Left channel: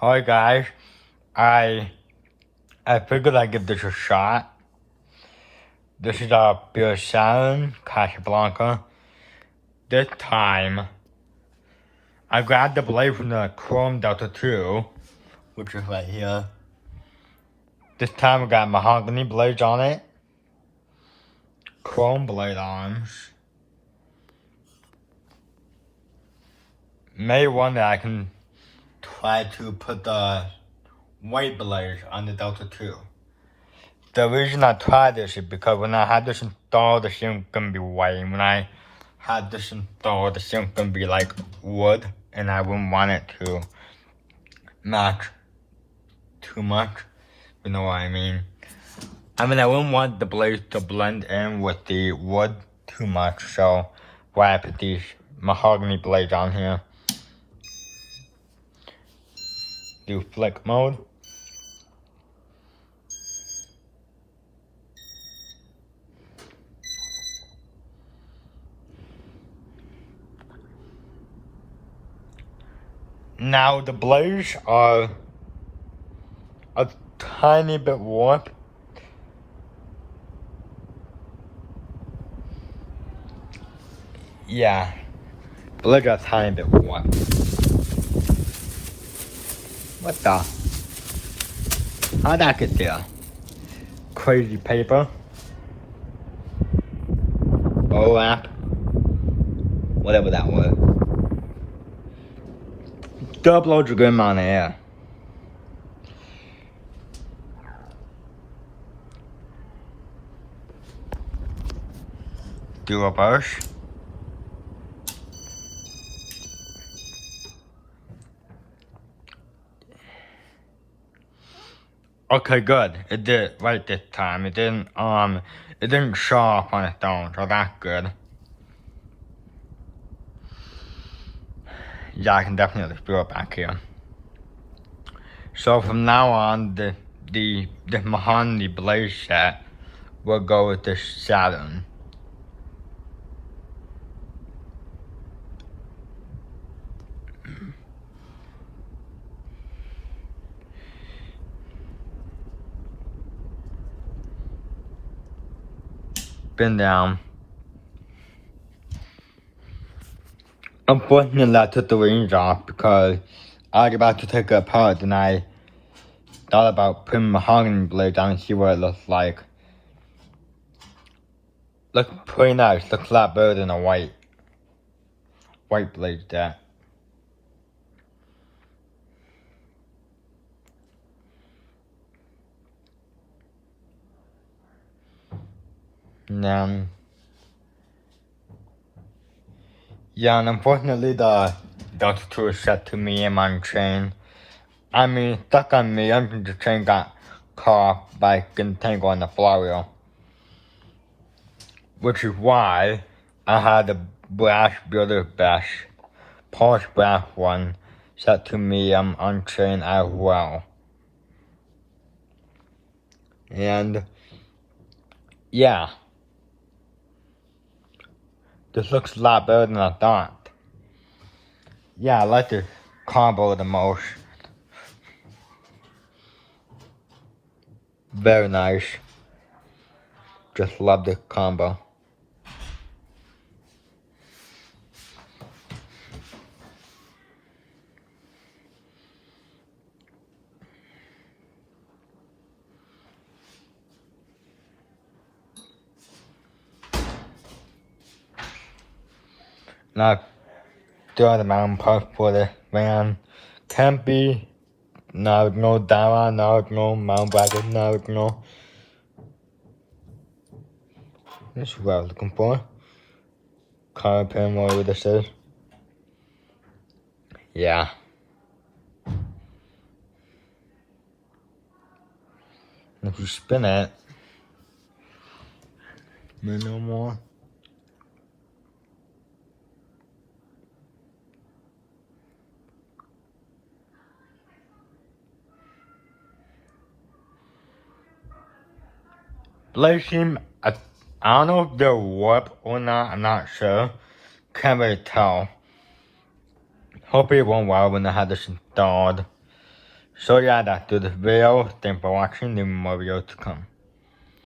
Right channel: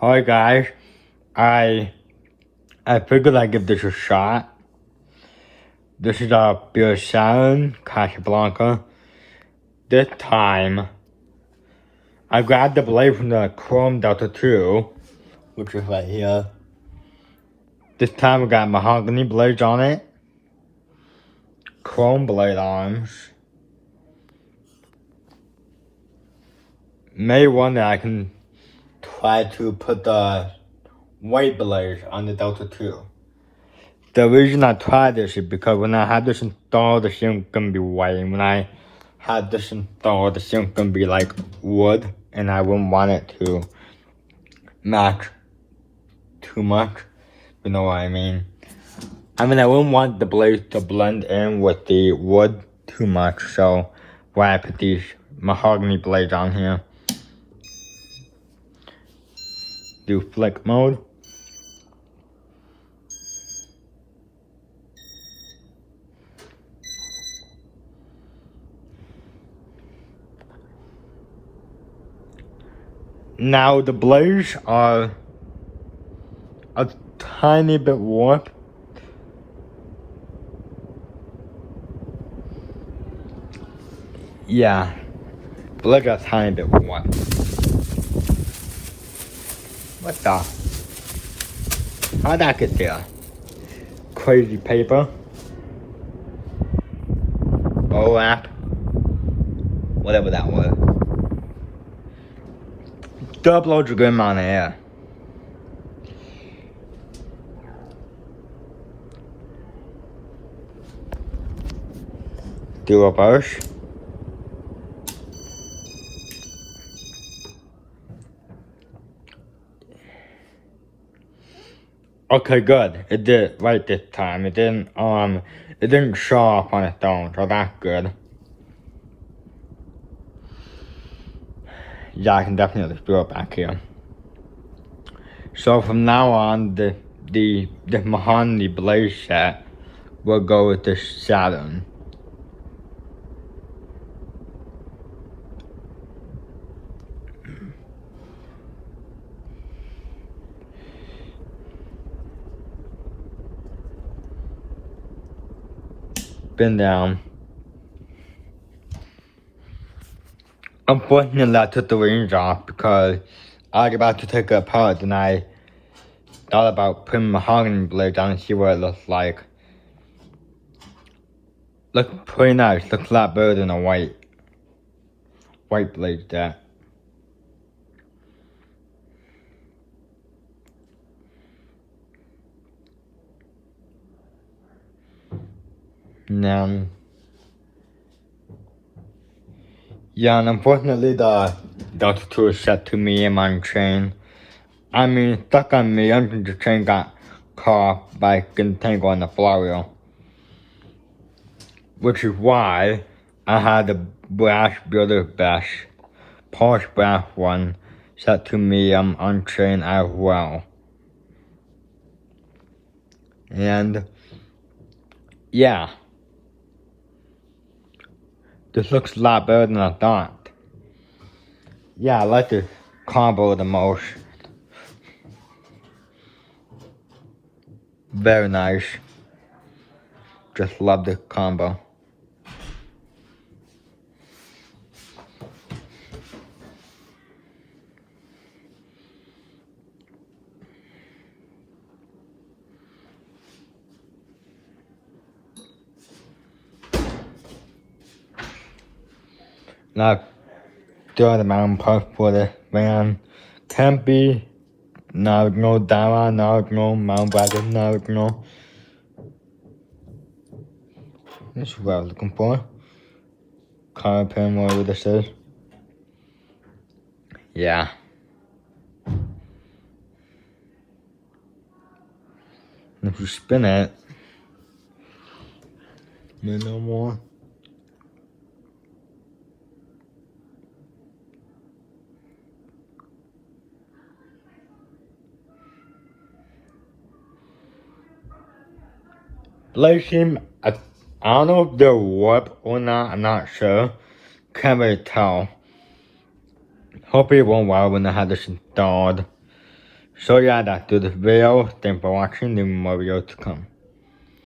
Hi guys, I figured I'd give this a shot. This is a beer Saturn Casablanca. This time, I grabbed the blade from the Chrome Delta 2, which is right here. This time I got mahogany blades on it, chrome blade arms. May one that I can try to put the white blades on the Delta 2. The reason I tried this is because when I had this installed, the shim gonna be white. And when I had this installed, the shim gonna be like wood, and I wouldn't want it to match too much. You know what I mean? I wouldn't want the blades to blend in with the wood too much. So, why I put these mahogany blades on here. Do flick mode. Now the blades are a tiny bit warped. Yeah, blades are a tiny bit warped. What the? How'd that get there? Crazy paper. Wrap. Whatever that was. Double loads of good amount of air. Do a brush. Okay, good. It did right this time. It didn't show off on its own, so that's good. Yeah, I can definitely feel it back here. So from now on, the mahogany blade set will go with the Saturn. Been down. Unfortunately, I took the rings off because I was about to take it apart, and I thought about putting mahogany blades on and see what it looks like. Looks pretty nice. Looks a lot better than a white blade there. Now, yeah, and unfortunately the Delta 2 is set to medium on chain. Stuck on medium and the chain got caught by getting tangled on the flywheel. Which is why I had the brass builder bash, polished brass one, set to medium on chain as well. And yeah. This looks a lot better than I thought. Yeah, I like this combo the most. Very nice. Just love this combo. Now, the other mountain park for the van can't be. Now no Dara, now no Mount Dragon, now no. This is what I was looking for. Car pen, whatever this is. Yeah. If you spin it, no more. Blade seem, I don't know if they're warped or not, I'm not sure. Can't really tell. Hopefully it won't wow when I had this installed. So yeah, that's the video. Thanks for watching. There will be more videos to come.